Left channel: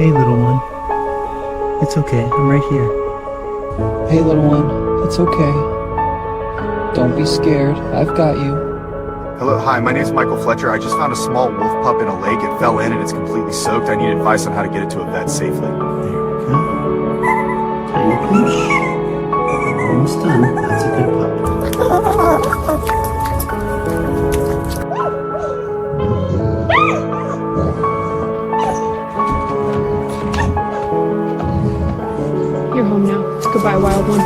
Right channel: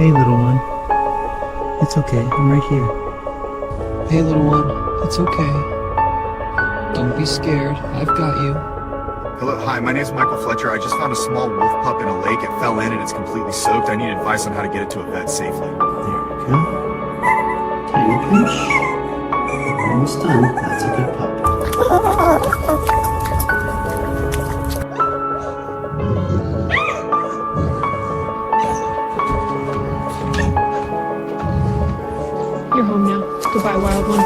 Hey, little one. It's okay. I'm right here. Hey, little one, it's okay. Don't be scared. I've got you. Hello, hi, my name's Michael Fletcher. I just found a small wolf pup in a lake. It fell in and it's completely soaked. I need advice on how to get it to a vet safely. There we go. Tiny pinch. We're almost done. That's a good pup. You're home now. Goodbye, wild one.